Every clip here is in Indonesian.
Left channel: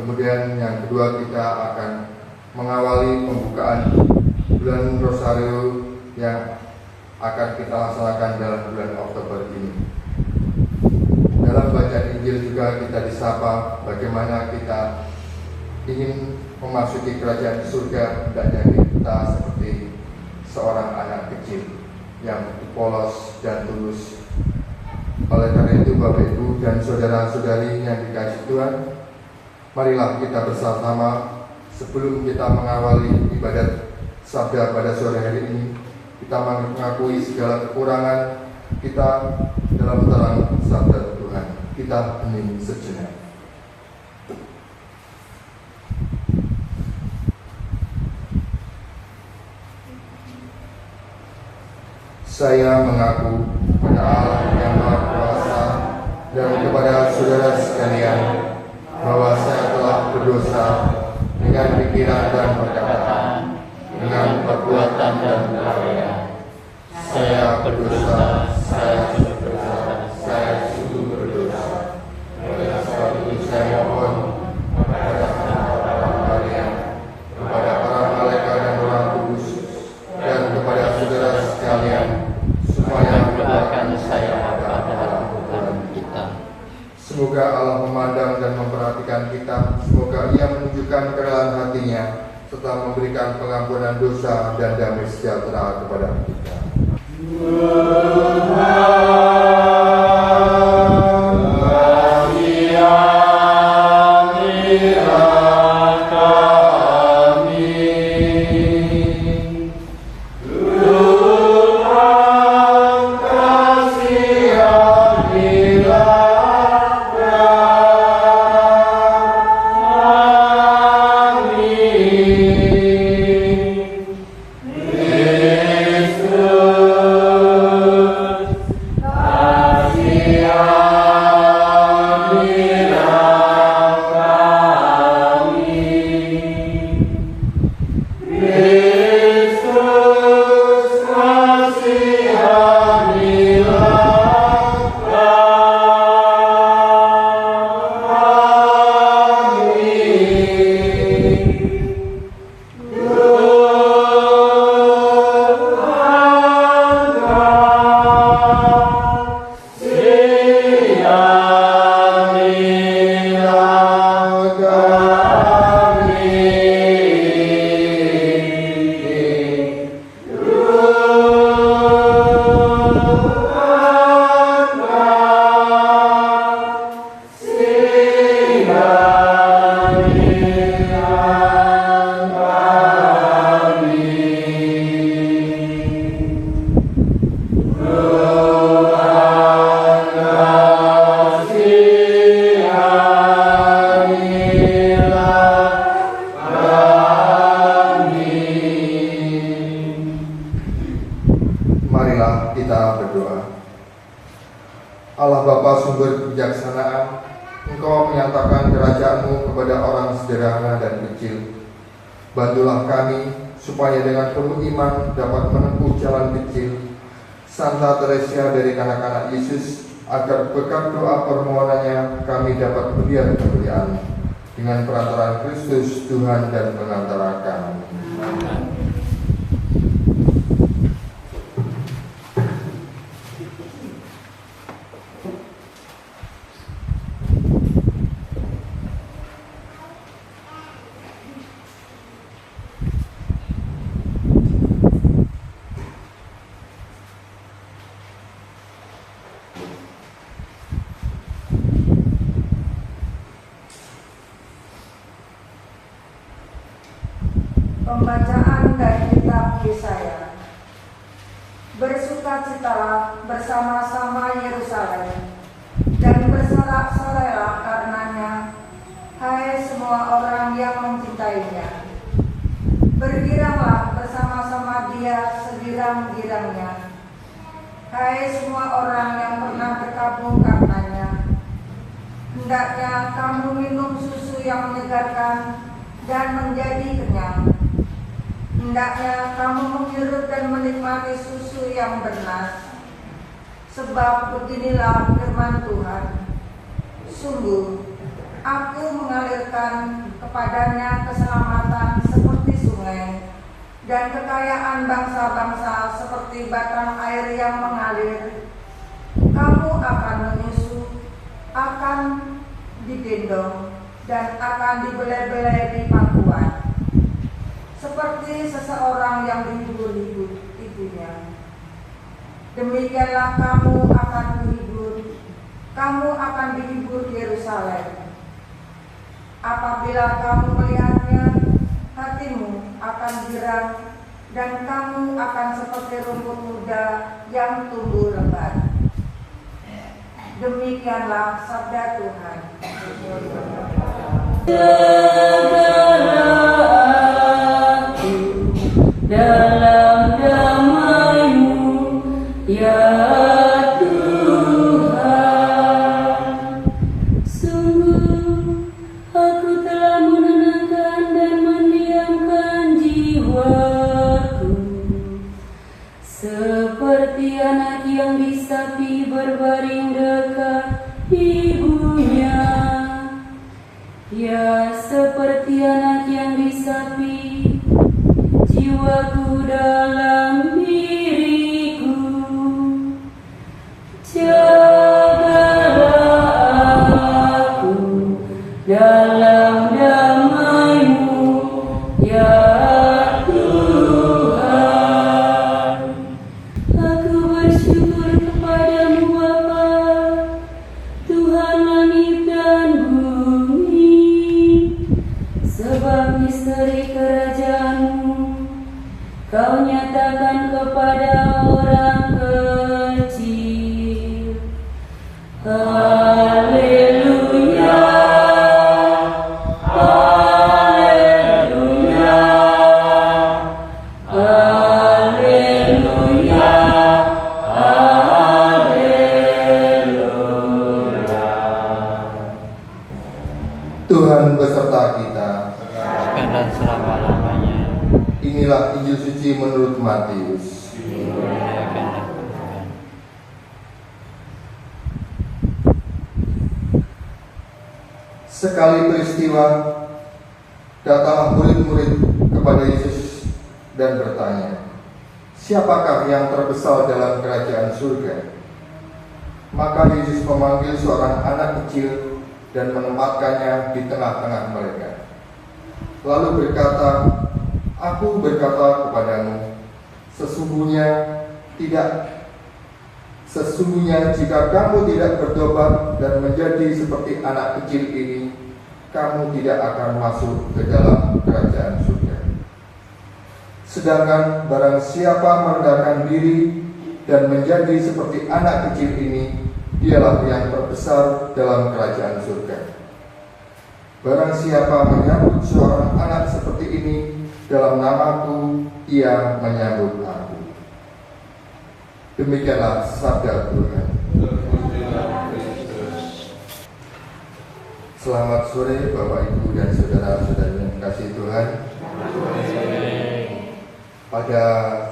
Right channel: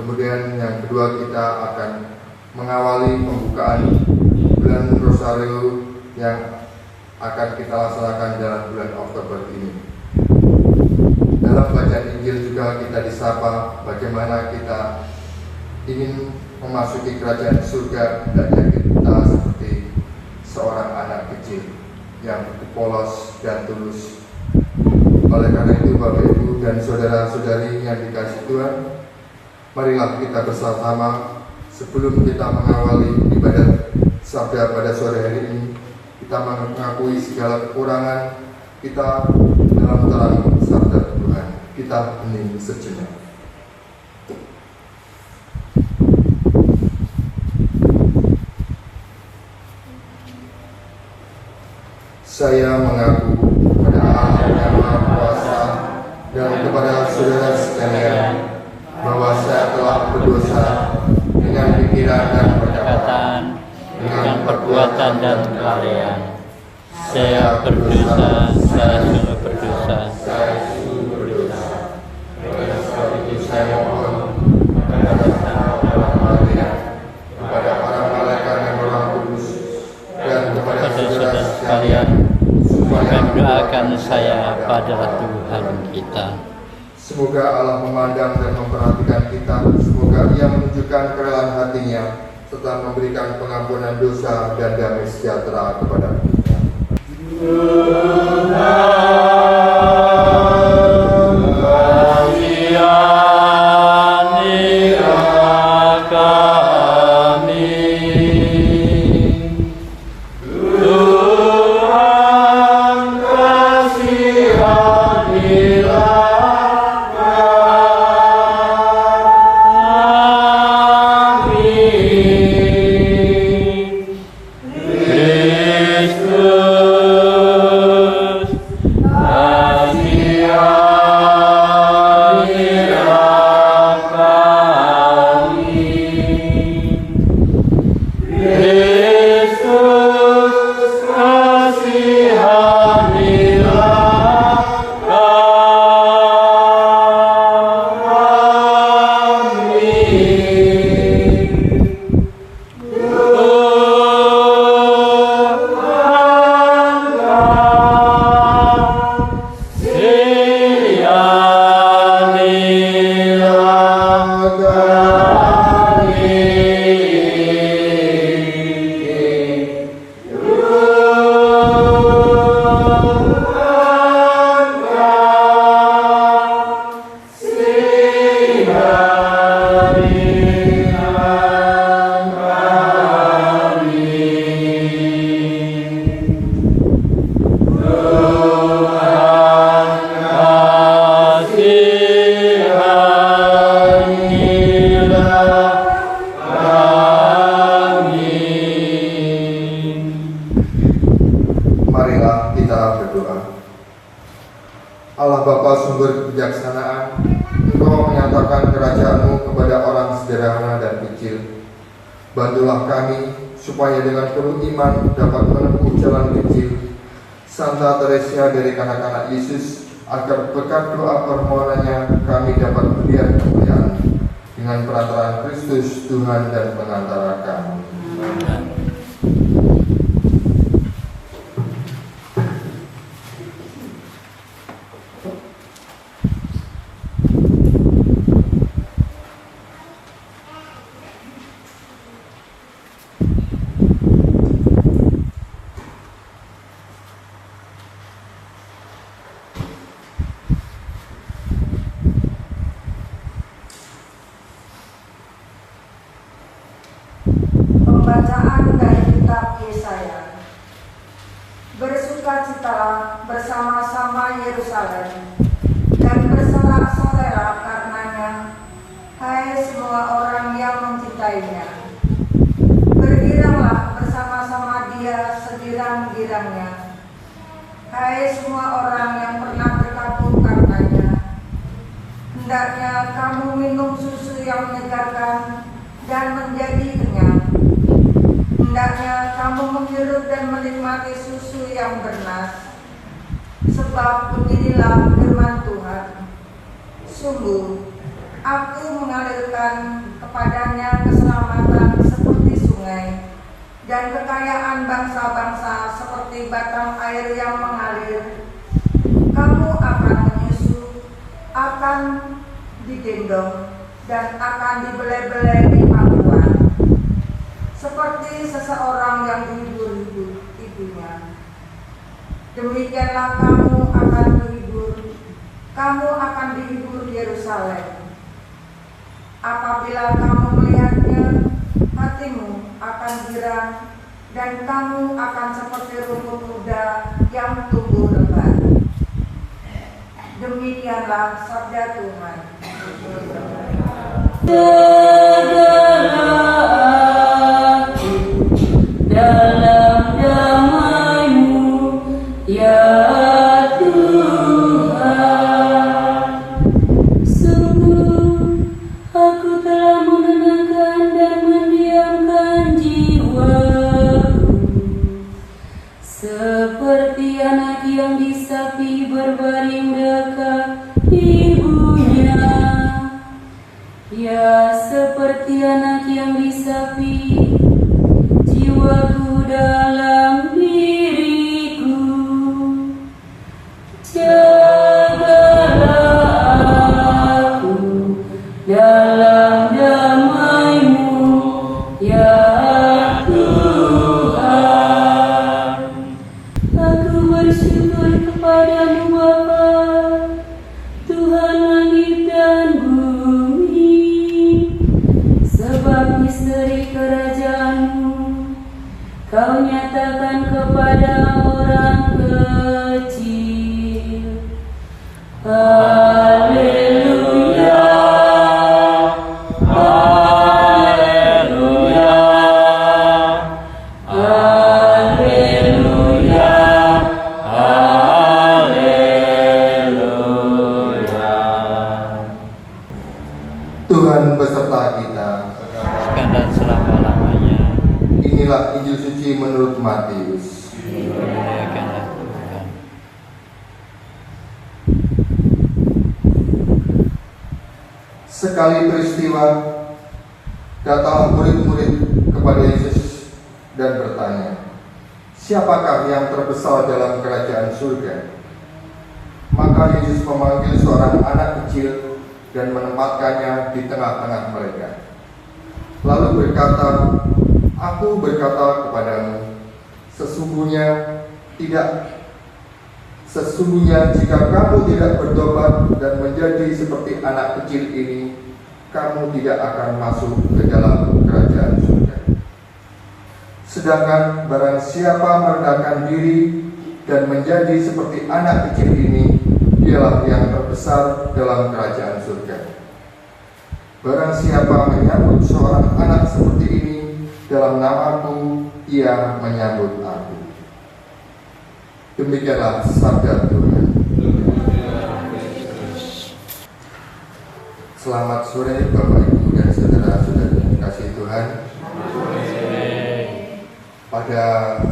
Kemudian yang kedua kita akan mengawali pembukaan bulan Rosario yang akan kita laksanakan dalam bulan Oktober ini. Dalam bacaan Injil juga kita disapa bagaimana kita ingin memasuki kerajaan surga, hendaknya kita seperti seorang anak kecil yang polos dan tulus. Oleh karena itu Bapak Ibu dan saudara-saudari yang dikasihi Tuhan, marilah kita bersama sebelum kita mengawali ibadat sabda pada sore hari ini, kita mengakui segala kekurangan kita dalam terang sabda Tuhan. Kita hening sejenak. Saya mengaku kepada Allah yang Maha Kuasa dan kepada saudara sekalian bahwa saya telah berdosa dengan pikiran dan perkataan, dengan perbuatan dan kelalaian. Saya berdosa, saya sungguh berdosa, saya sungguh berdosa. Oleh sebab itu saya mohon kepada Allah Maria, kepada para malaikat dan Roh Kudus, dan kepada saudara sekalian, supaya mendoakan saya pada Tuhan kita. Semoga Allah memandang dan memperhatikan kita. Semoga Ia menunjukkan kerelaan hatinya serta memberikan pengampunan dosa dan damai sejahtera kepada kita. Kristus Allah Bapa sumber kebijaksanaan, Engkau menyatakan kerajaan-Mu kepada orang sederhana dan kecil. Bantulah kami supaya dengan penuh iman dapat menempuh jalan kecil Santa Teresia dari kanak-kanak Yesus, agar berkat doa permohonannya kami dapat melihat kemuliaan dengan perantaraan Kristus Tuhan dan pengantara kami. Pembacaan dari kitab Yesaya. Bersukacitalah bersama-sama Yerusalem dan bersorak-sorailah karenanya, hai semua orang yang mencintainya. Bergiranglah bersama-sama Dia segirang-girangnya, hai semua orang yang pernah berkabung karenanya. Hendaknya kamu minum susu yang menyegarkan dan menjadi kenyang. Hendaknya kamu menghirup dan menikmati susu yang bernas. Sebab beginilah firman Tuhan, sungguh Aku mengalirkan kepadanya keselamatan seperti sungai, dan kekayaan bangsa-bangsa seperti batang air yang mengalir. Kamu akan menyusu, akan digendong, dan akan dibelai-belai di pangkuan, seperti seseorang yang dihibur ibunya. Demikianlah kamu akan dihibur Yerusalem. Apabila kamu melihatnya, hatimu akan girang, dan kamu akan seperti rumput muda yang tumbuh lebat. Demikianlah sabda Tuhan. Dalam damai-Mu, ya Tuhan. Sungguh aku telah menenangkan dan mendiamkan jiwaku, seperti anak yang disapi berbaring dekat ibunya. Ya, seperti anak yang disapi, jiwaku dalam diriku. Jagalah aku dalam damai-Mu, ya Tuhan. Aku bersyukur kepada-Mu Bapa, Tuhan langit dan bumi, sebab misteri kerajaan-Mu Kau nyatakan kepada orang kecil. Haleluya, haleluya, haleluya, haleluya. Tuhan beserta kita. sekarang dan selama-lamanya. Inilah Injil suci menurut Matius. Dimuliakanlah Tuhan. Sekali peristiwa, datanglah murid-murid kepada Yesus dan bertanya, "Siapakah yang terbesar dalam kerajaan surga?" Maka Yesus memanggil seorang anak kecil dan menempatkannya di tengah-tengah mereka. Lalu berkata, "Aku berkata kepadamu, sesungguhnya jika kamu tidak bertobat dan menjadi seperti anak kecil ini, kamu tidak akan masuk ke dalam kerajaan surga. Sedangkan barang siapa merendahkan diri dan menjadi seperti anak kecil ini, dialah yang terbesar dalam kerajaan surga. Barang siapa menyambut seorang anak seperti ini dalam namaku, ia menyambut aku." Demikianlah sabda Tuhan. Selamat sore Bapak Ibu dan saudara-saudari yang dikasihi Tuhan. Pada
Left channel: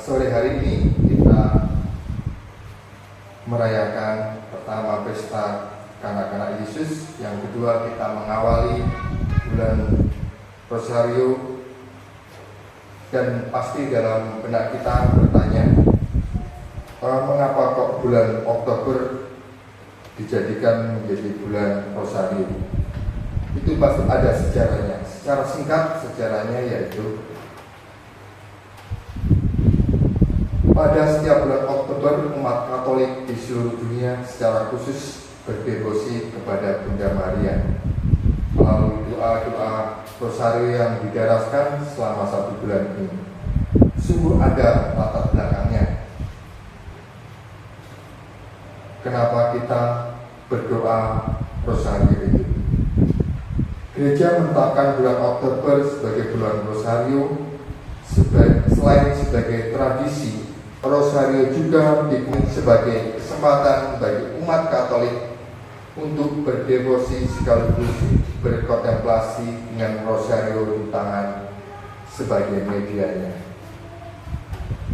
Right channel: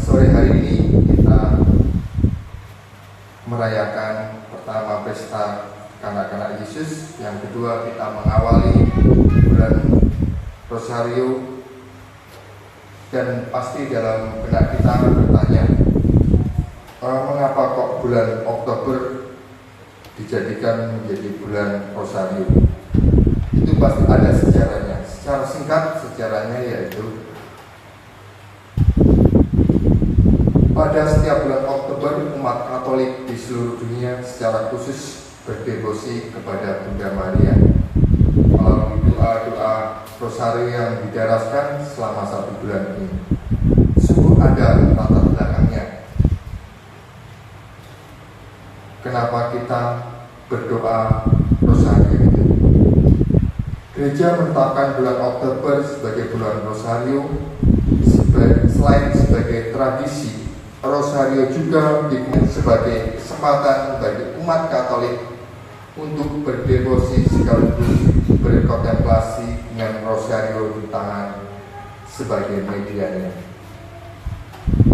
sore hari ini kita merayakan pertama pesta kanak-kanak Yesus, yang kedua kita mengawali bulan Rosario, dan pasti dalam benak kita bertanya, mengapa kok bulan Oktober dijadikan menjadi bulan Rosario? Itu pasti ada sejarahnya. Secara singkat sejarahnya yaitu pada setiap bulan Oktober umat Katolik di seluruh dunia secara khusus berdevosi kepada Bunda Maria melalui doa-doa Rosario yang didaraskan selama 1 bulan ini. Sungguh ada latar belakangnya. Kenapa kita berdoa Rosario itu? Gereja menetapkan bulan Oktober sebagai bulan Rosario selain sebagai tradisi. Rosario juga digunakan sebagai kesempatan bagi umat Katolik untuk berdevosi sekaligus berkontemplasi dengan Rosario di tangan sebagai medianya.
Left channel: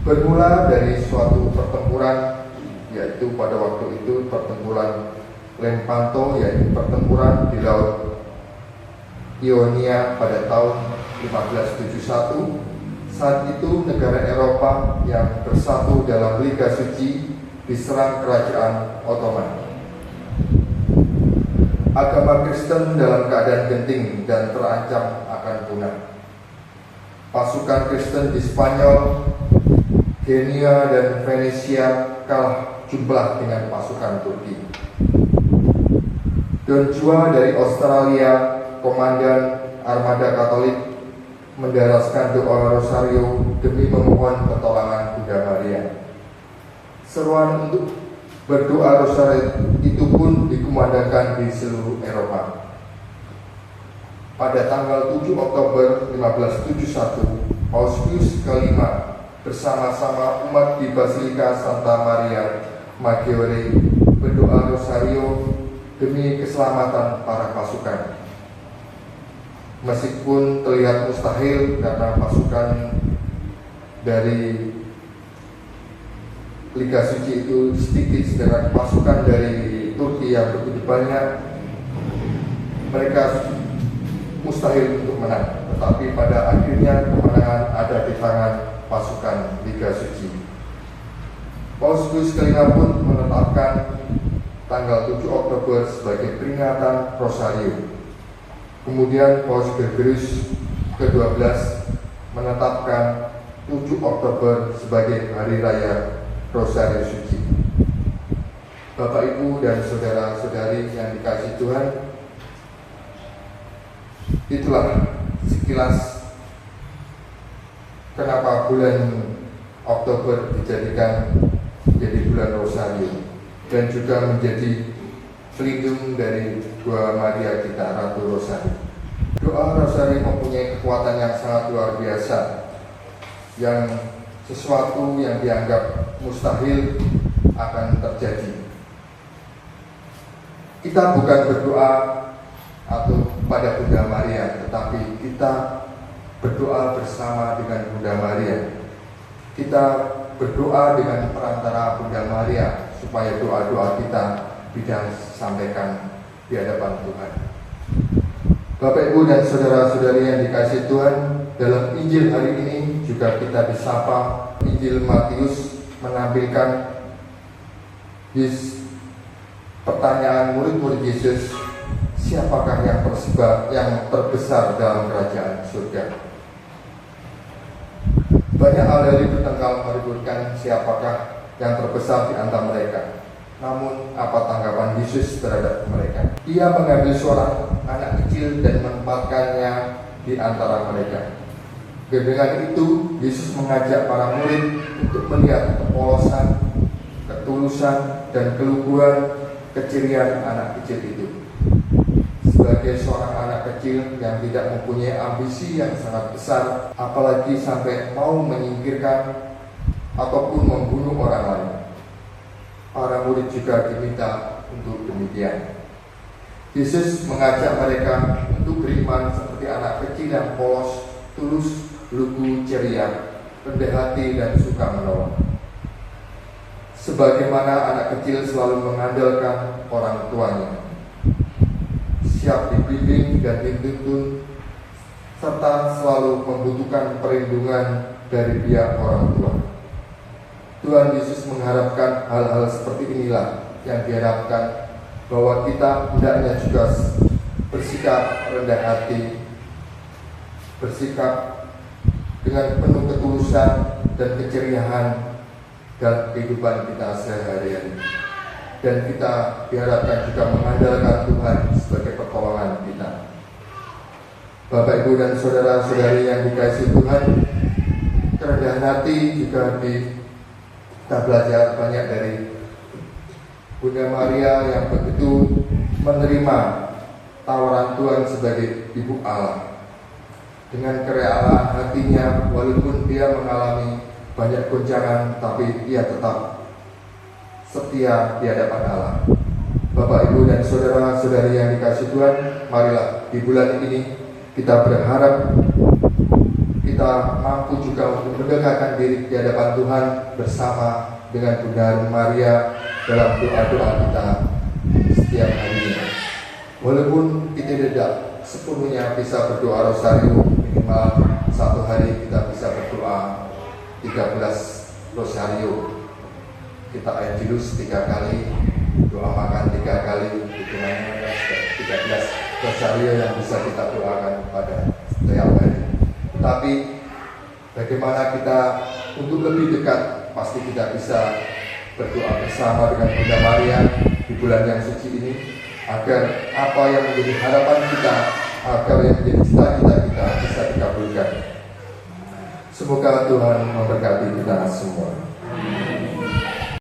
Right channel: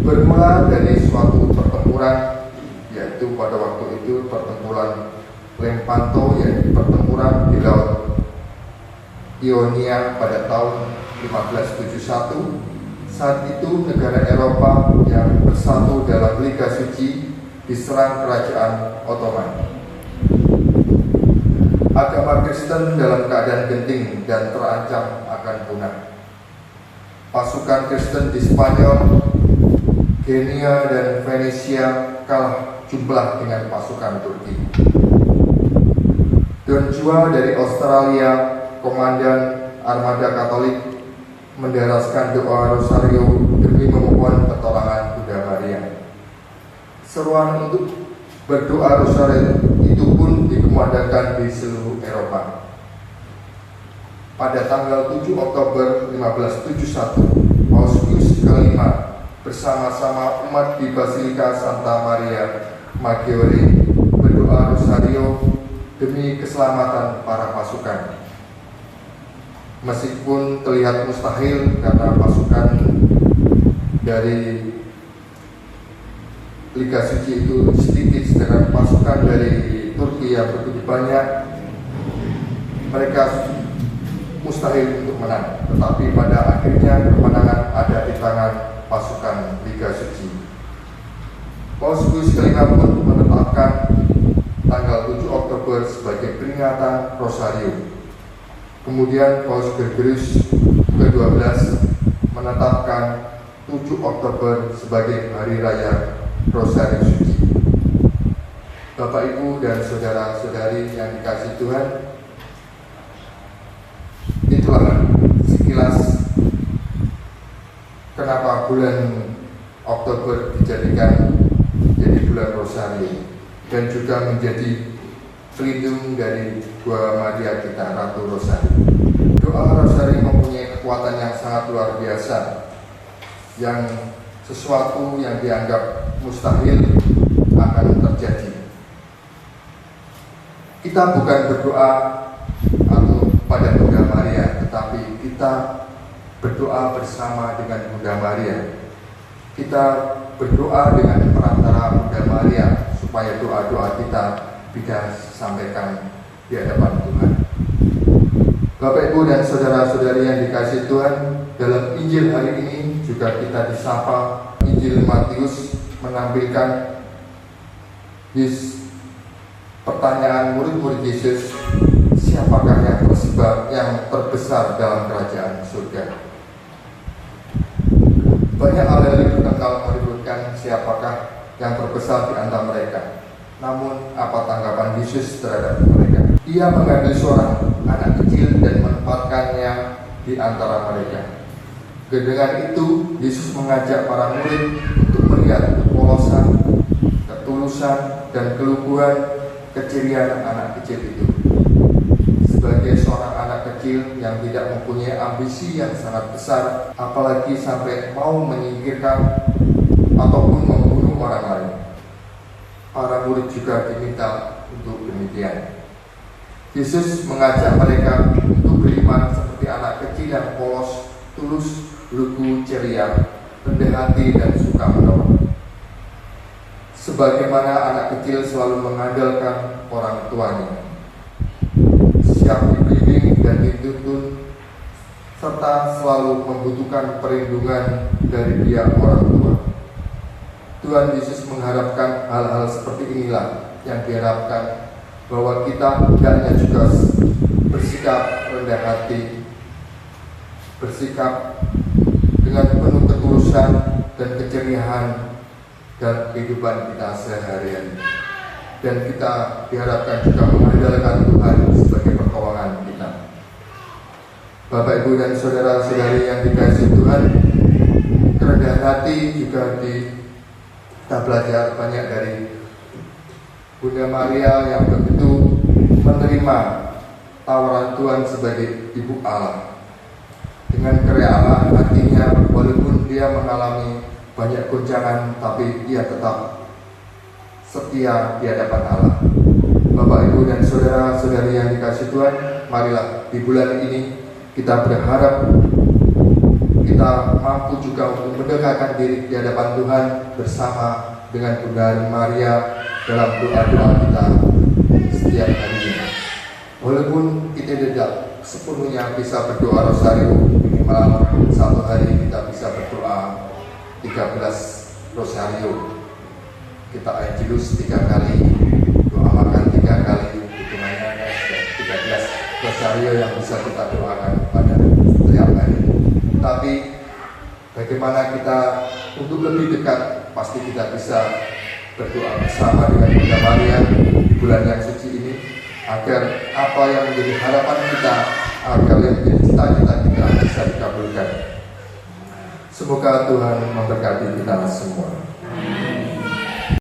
Bermula dari suatu pertempuran, yaitu pada waktu itu pertempuran Lepanto, yaitu pertempuran di Laut Ionia pada tahun 1571. Saat itu negara Eropa yang bersatu dalam Liga Suci diserang kerajaan Ottoman. Agama Kristen dalam keadaan genting dan terancam akan punah. Pasukan Kristen di Spanyol, Genia dan Venesia kalah jumlah dengan pasukan Turki. Don Juan dari Australia, komandan armada Katolik, mendaraskan doa Rosario demi memohon pertolongan Bunda Maria. Seruan untuk berdoa Rosario itu pun dikumandangkan di seluruh Eropa. Pada tanggal 7 Oktober 1571, Paus Pius ke-5 bersama-sama umat di Basilika Santa Maria Maggiore berdoa Rosario demi keselamatan para pasukan. Meskipun terlihat mustahil karena pasukan dari Liga Suci itu sedikit, sedangkan pasukan dari Turki yang begitu banyak, mereka mustahil untuk menang. Tetapi pada akhirnya kemenangan ada di tangan pasukan Liga Suci. Paus Pius ke-5 pun menetapkan tanggal 7 Oktober sebagai peringatan Rosario. Kemudian Paus Gregorius ke-12 menetapkan 7 Oktober sebagai hari raya Rosario Suci. Bapak, Ibu, dan saudara-saudari yang dikasihi Tuhan, itulah sekilas kenapa bulan Oktober dijadikan menjadi bulan Rosario dan juga menjadi pelindung dari Dua Maria kita, Ratu Rosario. Doa Rosario mempunyai kekuatan yang sangat luar biasa, yang sesuatu yang dianggap mustahil akan terjadi. Kita bukan berdoa atau pada Bunda Maria, tetapi kita berdoa bersama dengan Bunda Maria. Kita berdoa dengan perantara Bunda Maria supaya doa-doa kita bisa sampaikan di hadapan Tuhan. Bapak, Ibu, dan saudara-saudari yang dikasihi Tuhan, dalam Injil hari ini juga kita disapa. Injil Matius menampilkan pertanyaan murid-murid Yesus, siapakah yang terbesar dalam kerajaan surga? Banyak ahli bertengkar meributkan siapakah yang terbesar di antara mereka. Namun apa tanggapan Yesus terhadap mereka? Ia mengambil seorang anak kecil dan menempatkannya di antara mereka. Dengan itu Yesus mengajak para murid untuk melihat kepolosan, ketulusan, dan keluguran keceriaan anak kecil itu. Sebagai seorang anak kecil yang tidak mempunyai ambisi yang sangat besar, apalagi sampai mau menyingkirkan ataupun membunuh orang lain, para murid juga diminta untuk demikian. Yesus mengajak mereka untuk beriman seperti anak kecil yang polos, tulus, lugu, ceria, rendah hati, dan suka menolong. Sebagaimana anak kecil selalu mengandalkan orang tuanya, siap dibimbing dan dituntun, serta selalu membutuhkan perlindungan dari pihak orang tua. Tuhan Yesus mengharapkan hal-hal seperti inilah yang diharapkan, bahwa kita hendaknya juga bersikap rendah hati, bersikap dengan penuh ketulusan dan keceriaan dalam kehidupan kita sehari-hari. Dan kita diharapkan juga mengandalkan Tuhan sebagai pertolongan kita. Bapak, Ibu, dan saudara-saudari yang dikasihi Tuhan, kerendahan hati juga kita belajar banyak dari Bunda Maria yang begitu menerima tawaran Tuhan sebagai Ibu Allah. Dengan kerelaan hatinya, walaupun dia mengalami banyak goncangan, tapi ia tetap setia di hadapan Allah. Bapak, Ibu, dan saudara-saudari yang dikasihi Tuhan, marilah di bulan ini kita berharap kita mampu juga untuk mendekatkan diri di hadapan Tuhan bersama dengan Bunda Maria dalam doa-doa kita setiap harinya. Walaupun kita tidak sepenuhnya bisa berdoa rosario, minimal satu hari kita bisa berdoa 13 rosario. Kita Angelus 3 kali, doa makan 3 kali, hitungannya ada 13 rosario yang bisa kita doakan pada setiap hari. Tapi bagaimana kita untuk lebih dekat, pasti kita bisa berdoa bersama dengan Bunda Maria di bulan yang suci ini, agar apa yang menjadi harapan kita, agar yang menjadi cita-cita kita bisa dikabulkan. Semoga Tuhan memberkati kita semua.